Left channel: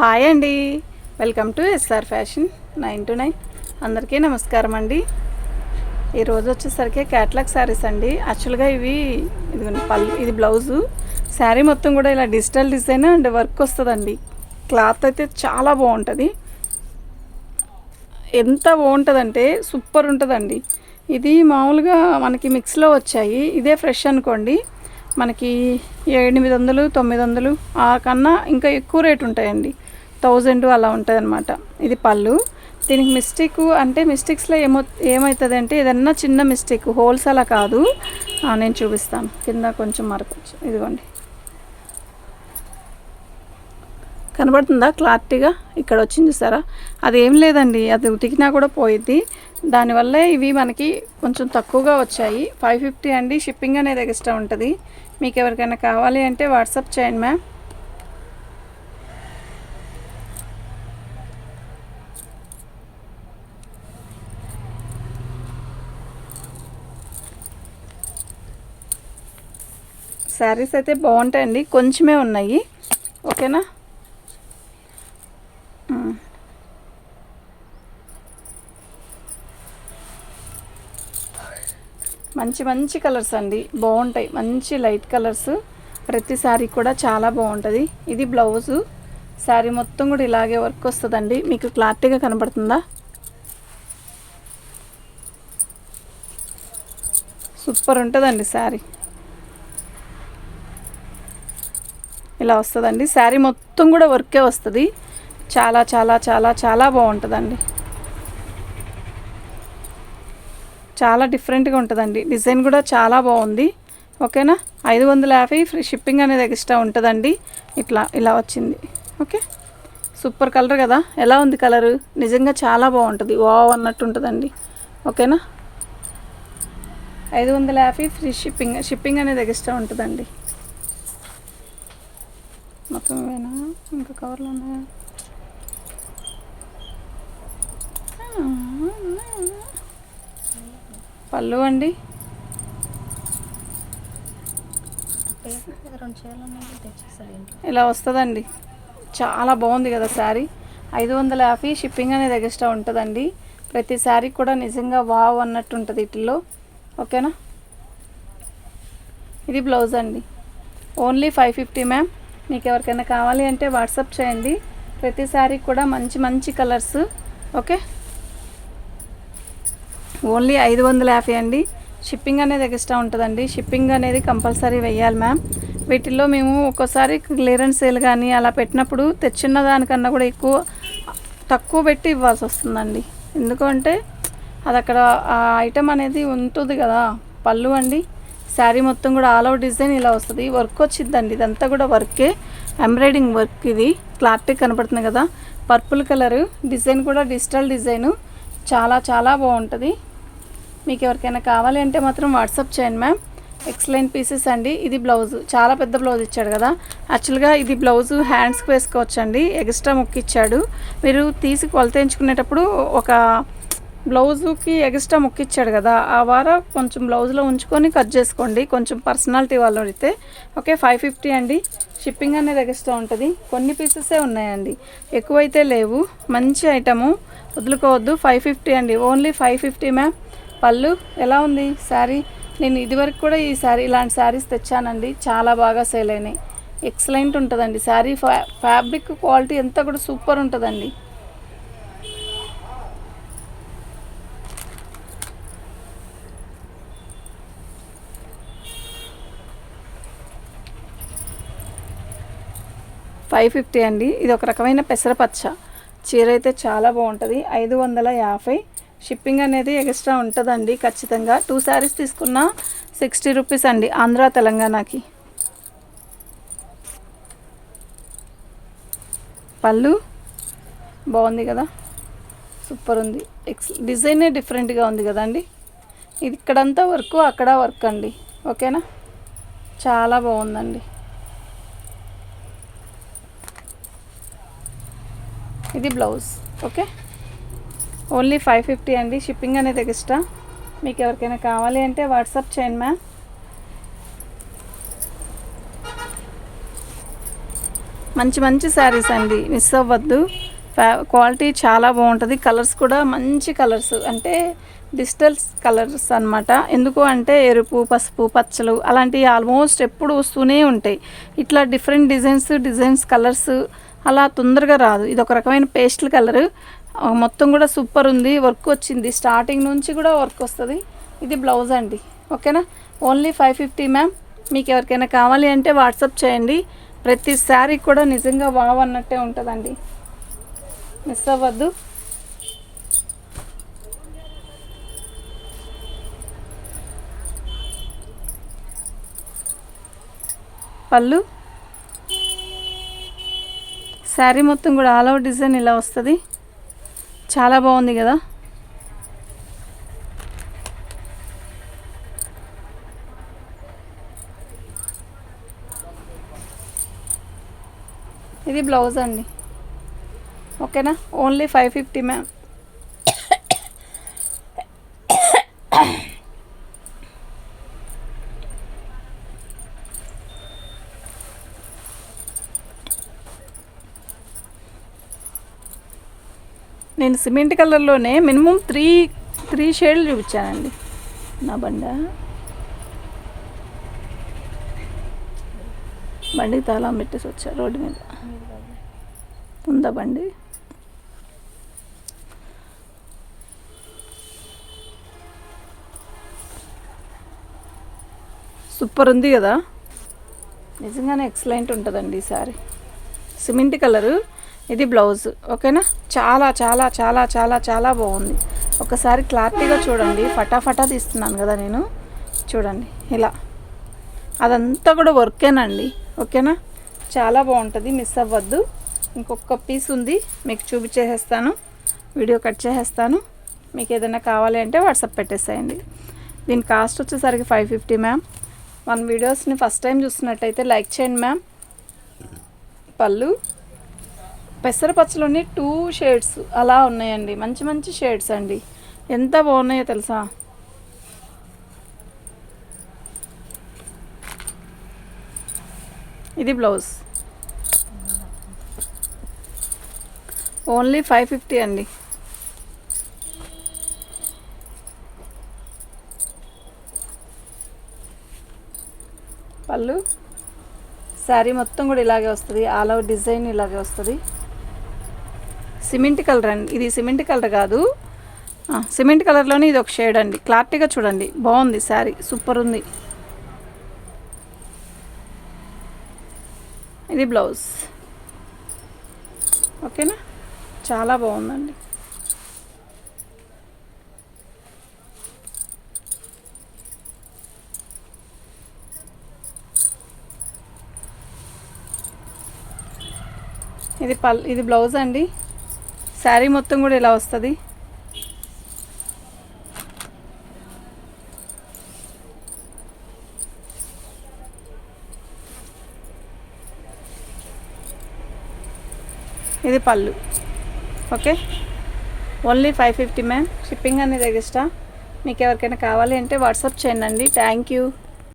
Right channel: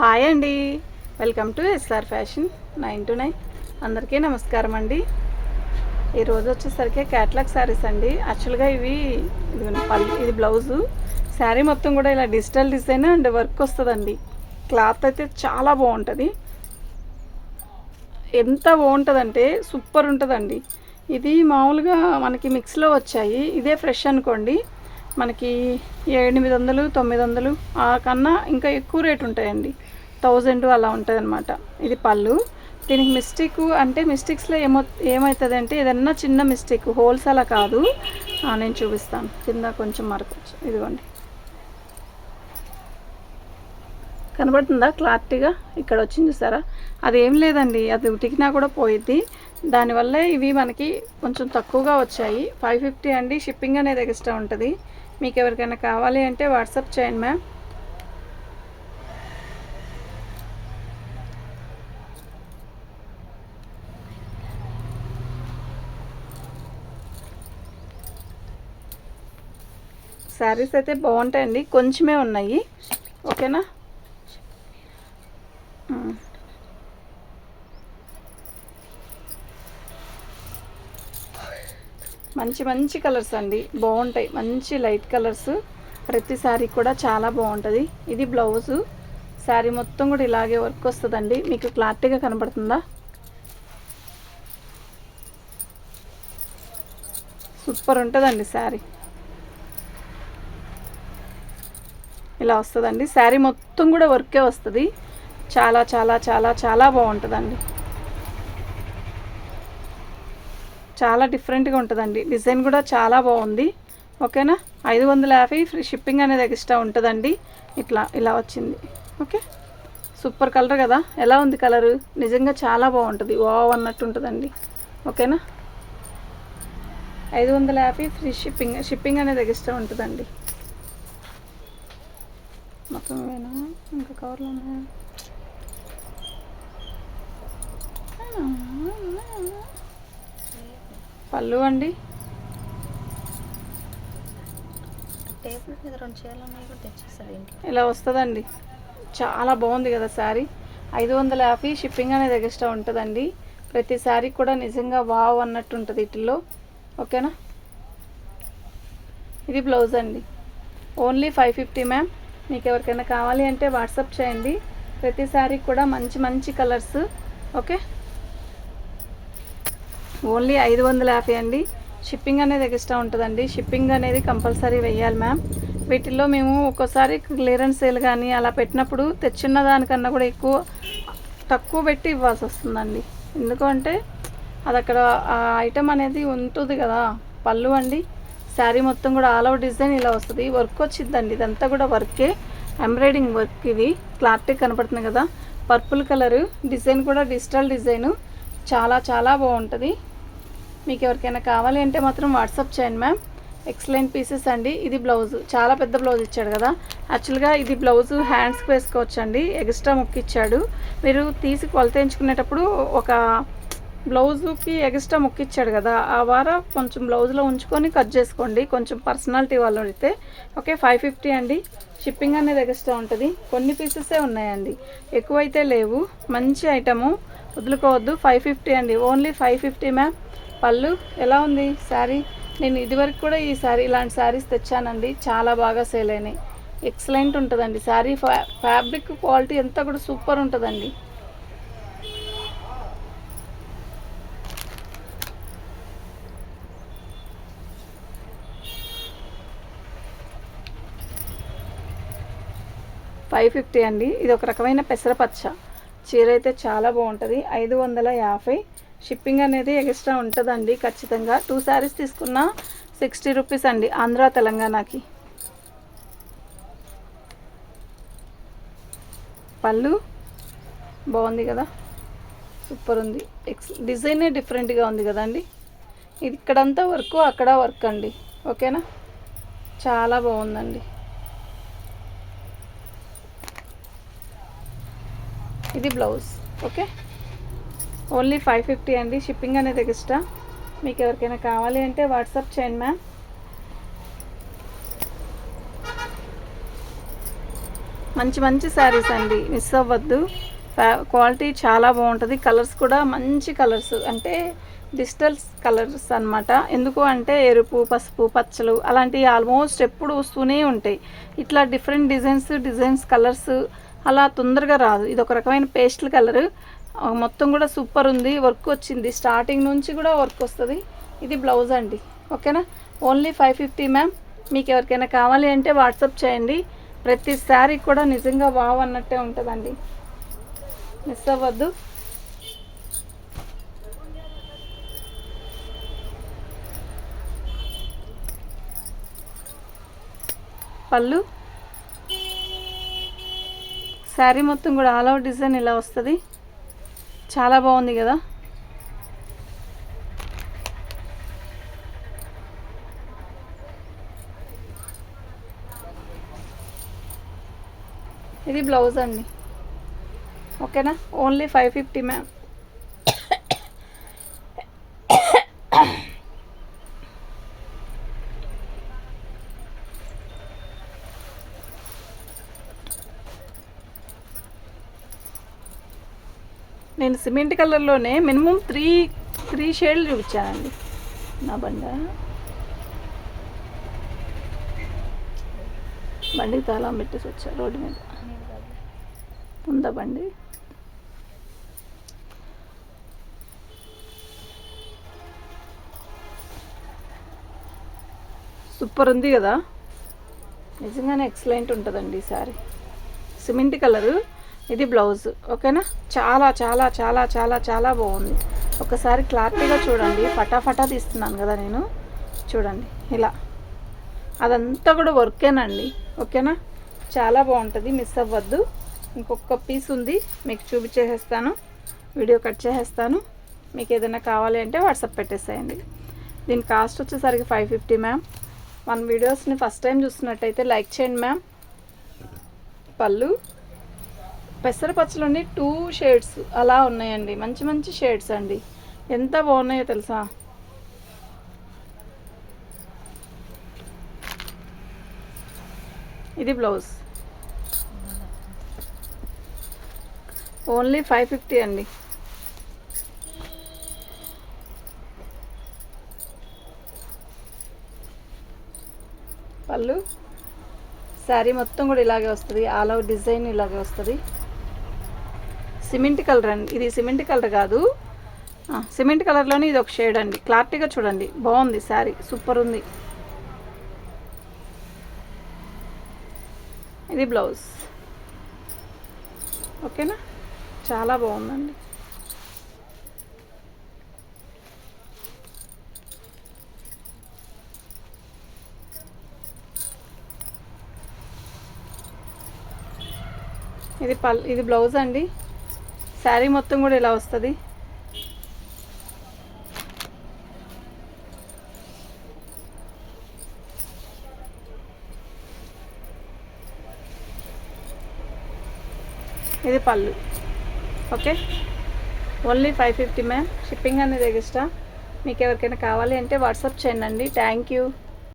Hi అండి. Welcome to SR fashion nine to nine అందరికీ నమస్కారం అండి. ఈరోజు వచ్చేసరికి క్యాట్లాగ్ శారీస్ అండి. యాక్చువల్గా ఇవి ఇది పల్లి ఇది బ్లౌజు శారీ మొత్తం కూడా ఇలా డిజిటల్ డిజైన్ అండ్ వర్క్ వస్తుందండి. క్లాత్ అయితే చాలా బాగుంటుంది. ఎంత బాగుంటుందంటే సూపర్ ఉంటుందండి. ఇది మామూలుగా మనకి మిక్స్లో వచ్చాయి. ఇదే ఫ్రెష్ అనుకోండి మనకి ఎనిమిది వందలు తొమ్మిది వందలు ఆ కన్నా ఇంకా ఎక్కువ రేట్ ఉంటాయండి. థౌజండ్ అలా ఉంటుంది అనమాట ఇది పళ్ళు. దీనికి మిస్టేక్ అంటే మిస్టేక్స్లో ఏమో ఏమవుతుంది అంటే ఏదన్నా చిన్న మిస్టేక్ హోల్స్ అలా కాదు. నేను చూపిస్తాను. కింద కొంచెం మరకొచ్చు ఇదిగోండి. కనబడుతుందా క్లారిటీగా? ఇక్కడ వచ్చింది చూసారా? అది ఏం లేదండి. అది ఉతికినా కూడా పోయిద్ది. దానివల్ల ఇవి మనకి కొంచెం తక్కువగా వచ్చాయి. ఫైవ్ ఫిఫ్టీ అండి. షిప్పింగ్ అనేది ఎక్స్ట్రా ఉంటుంది. మీకు ఎవరికైనా కావాలి అంటే వాట్సాప్ చేయండి మ్యామ్. శారీస్ అయితే బాగుంటాయండి. కొంచెమే ఉన్నాయి. ఓకేనా? మంచి మంచి కలర్స్ అండి. బాగుంటాయి. మంచి లైట్ కలర్స్. ప్రతి శారీ కూడా చాలా బాగుంటుంది. ఇది బ్లౌజు. శారీ మొత్తం కూడా ఇలాగే వర్క్ వస్తుందండి. మీకు క్లారిటీగా కనబడుతుందా సూపర్ ఉంటుందండి శారీ. ఇలా వస్తుందండి. శారీ మొత్తం కూడా వర్కే వస్తుంది. చాలా చాలా చాలా చాలా బాగుంటుందండి. చాలా డిఫరెంట్గా ఉంటుందండి. డిజైన్ కూడా చాలా బాగుంది. ఓకేనా? ఐదు వందల యాభై ఫ్రీ షిప్పింగ్ అనేది ఎక్స్ట్రా ఉంటుందండి. ఇట్లా ఇలా వచ్చింది. ఓకే? సూపర్ కలర్ కదా? ఎలా ఉంది కలరు? నిజంగా చాలా బాగుంటుంది. వావ్ అన్నట్టు ఉంటుందండి. ఓకేనా? ఐదు వందల యాభై ఫ్రీ షిప్పింగ్ షిప్పింగ్ అనేది ఎక్స్ట్రా ఉంటుందండి. మొత్తం ఇవేనా ఇంకా కవర్లు ఉన్నాయా పళ్ళు అండి ఇలా వస్తుందండి. చాలా బాగుంది కదా శారీ. ఐదు వందల యాభై షిప్పింగ్ అనేది ఎక్స్ట్రా ఉంటుందండి. ప్రతి శారీ కూడా నిజంగా వావ్ అన్నట్టు ఉంటుంది వీటిల్లో ఓకేనా? ఇది బ్లౌజ్ అండి. Only five fifty ma'am. మీకు ఎవరికైనా కావాలి అంటే వాట్సాప్ చేయండి. ప్రతిసారి కూడా మంచి మంచి కలర్స్ ఓకే? ఓన్లీ ఐదు వందల యాభై అండి. షిప్పింగ్ అనేది ఎక్స్ట్రా ఉంటుందండి. షిప్పింగ్ అనేది కంపల్సరీ వెయ్యాలి మ్యామ్. వీటిల్లో మేము ఒక్కోసారి క్లియరెన్స్ సేల్ కానీ అలా పెట్టినప్పుడు తెచ్చిన దానికన్నా కూడా ఎక్కువ తక్కువ పెట్టి ఇవ్వాల్సి వస్తుందండి. ఎందుకంటే అది అక్కడ ఆ ఐటెం అనేది ఉంటుంది కదా పళ్ళు అండి. శారీ మొత్తం కూడా ఆల్ అవుట్ డిజైన్ ఇలా వస్తుంది. వర్క్ వచ్చిందండి. ఇదంతా కూడా వర్కే. ఎంబ్రాయిడింగ్ వర్క్ ఇది. క్లారిటీ కనపడుతుంది కదా. Purple colour. డిజైన్ కూడా డిజిటల్ డిజైను. చాలా చాలా బాగుంటుంది. మీకు ఎవరికైనా కావాలి అంటే మాత్రం వాట్సాప్ చేయండి మ్యామ్. ఎక్సలెంట్ పీసెస్ అండి. ఇది బ్లౌజ్. చాలా పెద్ద బ్లౌజ్ ఇచ్చాడు కదా. యాక్చువల్గా ఇది బ్లౌజ్ హ్యాండ్స్కి వేసుకోవచ్చండి. ఎక్స్ట్రా ముక్కు ఇచ్చాడు. మీరు తీసి కొలత ఎంచుకునేటప్పుడు ఒక బ్లౌజుకి ఎక్స్ట్రా ముక్కు ఇచ్చాడు కదా ఆ వార కొంచెం బ్లౌజ్లో ఉంచుకొని కట్ చేసుకోండి. కొంచెం పర్సనాలిటీ వాళ్ళు అయితే ఓకే ఫైవ్ ఫిఫ్టీ అండి. షిప్పింగ్ అనేది ఎక్స్ట్రా ఉంటుంది. కొన్ని పీసెసే ఉన్నాయండి. ఎక్కువైతే లేవు. మంచి ఐటము. వదులుకోవద్దు. ఫైవ్ ఫిఫ్టీ అండి. ఓన్లీ ఫైవ్ ఫిఫ్టీ మ్యామ్ పళ్ళు ఎలా ఉంది శారీ? నేను ఇదివరకు కూడా ఈ శారీ ఇలాంటి శారీస్ తెచ్చానండి. చాలా బాగా సేల్ అయినాయి. ఎక్సలెంట్ ఉంటుందండి. శారీ ఫ్యా ఫ్యాబ్రిక్ క్వాలిటీ ఎంత కూడా సూపర్ ఉంటుందండి. ఫైవ్ ఫిఫ్టీ అండి. ఇది ఒక రకమైన పెసరపచ్చ. చీర అయితే చాలా బాగుంటుంది. ఐదు వందల యాభై. షిప్పింగ్ అనేది ఎక్స్ట్రా ఉంటుందండి ఖచ్చితంగా. టూ శారీస్ తీసుకున్న సిక్స్టీ రూపీస్ అండి ఆంధ్ర తెలంగాణకి. పళ్ళు బాగుంది కదా? సూపర్ ఉంది. ఎక్స్ డిజైనే డిఫరెంట్గా ఉంది కదండి? ఇది ఇక్కడంతా వర్క్ అక్కడ వర్క్ అండి. ఓకేనా? చాలా బాగుందండి. ఇది blouse okay? Only five fifty అండి షిప్పింగ్ అనేది ఎక్స్ట్రా. మీకు ఎవరికైనా కావాలి అంటే వాట్సాప్ చేయండి మ్యామ్. మంచి మంచి శారీస్ అండి మిస్ అవ్వద్దు. క్వాలిటీ చాలా బాగుంటుంది. కలర్స్ కూడా మంచి కలర్స్ అంటే డిజిటల్ కలర్స్ అనమాట ఎందుకు అంటే ఎరుపు పసుపు పచ్చలు అలాంటివి ఆల్మోస్ట్ ఎప్పుడు వస్తూనే ఉంటాయి. ఇట్లా డిఫరెంట్ డిజైన్స్ డిజైన్స్ కలర్స్ అలా తొందరగా రాదు. ఇది ఒక రకమైన పేస్టల్ కలర్. మొత్తం కూడా సూపర్ ఉంది. వర్క్ వచ్చింది. స్టార్టింగ్ నుంచి కూడా వర్క్ వస్తుంది. ఇది బ్లౌజ్ అండి. ఓకేనా? Only five fifty ma'am. మీకు ఎవరికైనా కావాలి అంటే వాట్సాప్ చేయండి. ప్రతి శారీ కూడా నిజంగా వావ్ అన్నట్టే ఉంటుందండి. మిస్ అవ్వద్దు. పళ్ళు? శారీ మొత్తం కూడా ఆల్ అవుట్ డిజైన్ ఇలా వస్తుంది. చాలా బాగుంది కదా. ఇది బ్లౌజ్ అండి. ఓకేనా? Only five fifty ma'am. నేను సిమెంట్ కలర్లోనే మినిమం త్రీ త్రీ షేడ్లు చూపించానండి. నా బండ. బండికి తాళం పెట్టేసి వచ్చా రోడ్డు మీద. ఉందా బండి. సూపర్ ఉంది కదా? నిజంగానే ఎక్సలెంట్ ఉంటుందండి ఈ సారీ. Cement colour. ఇది బ్లౌజ్ ఓకేనా? చాలా చాలా చాలా చాలా చాలా బాగుంది. ఒకసారి క్లారిటీగా చూడండి. ఫటాఫటా తీస్తున్నాను కదా నేను. చూడండి ఇలా. అదంతా కూడా వర్కేనండి ఓకేనా? చాలా బాగుంటుంది మిస్ అవ్వద్దు. ఇంకొక పీస్ ఉంది మీకు చూపించేసేస్తాను. వీడియో కట్ చేసేస్తాను. మీకు ఏదైనా కావాలి అంటే వాట్సాప్ పెట్టేసేయండి. దీని కాస్ట్ వచ్చేసరికి ఫైవ్ ఫిఫ్టీ మ్యామ్. మన వీడియోస్ని ఫస్ట్ టైం చూస్తున్నట్టయితే లైక్ చేయండి మ్యామ్. పళ్ళు. పెసరపచ్చలోని టూ షేడ్స్ అలా ఉన్నాయండి. మంచి మంచి షేడ్స్ అండి. ఎంత బాగున్నాయో తెలుసా? ఇది బ్లౌజ్ ఓన్లీ ఫైవ్ ఫిఫ్టీ అండి. పళ్ళు? శారీ మొత్తం కూడా ఇలాగే వస్తుంది. ఆల్ ఓవర్ డిజైన్ ఇలాగే వస్తుంది. సిమెంట్ కలర్ అండి. ఇది సిమెంట్ కలర్ కాదు. సిమెంట్ కలర్లోనే ఇది ఒక షేడ్ అండి. క్లారిటీగా చూడండి. బాగుంది శారీ. సూపర్ ఉంది. ఇది బ్లౌజ్. ఓకేనా? చాలా బాగుందండి. ఇది పల్ ఇది బ్లౌజ్ అండి. శారీ మొత్తం కూడా ఇలా వస్తుంది? ఇది పళ్ళు. Okay? Only five fifty ma'am. Shipping అనేది ఎక్స్ట్రా. మీకు ఎవరికైనా కావాలి అంటే వాట్సాప్ చేయండి. Thank you.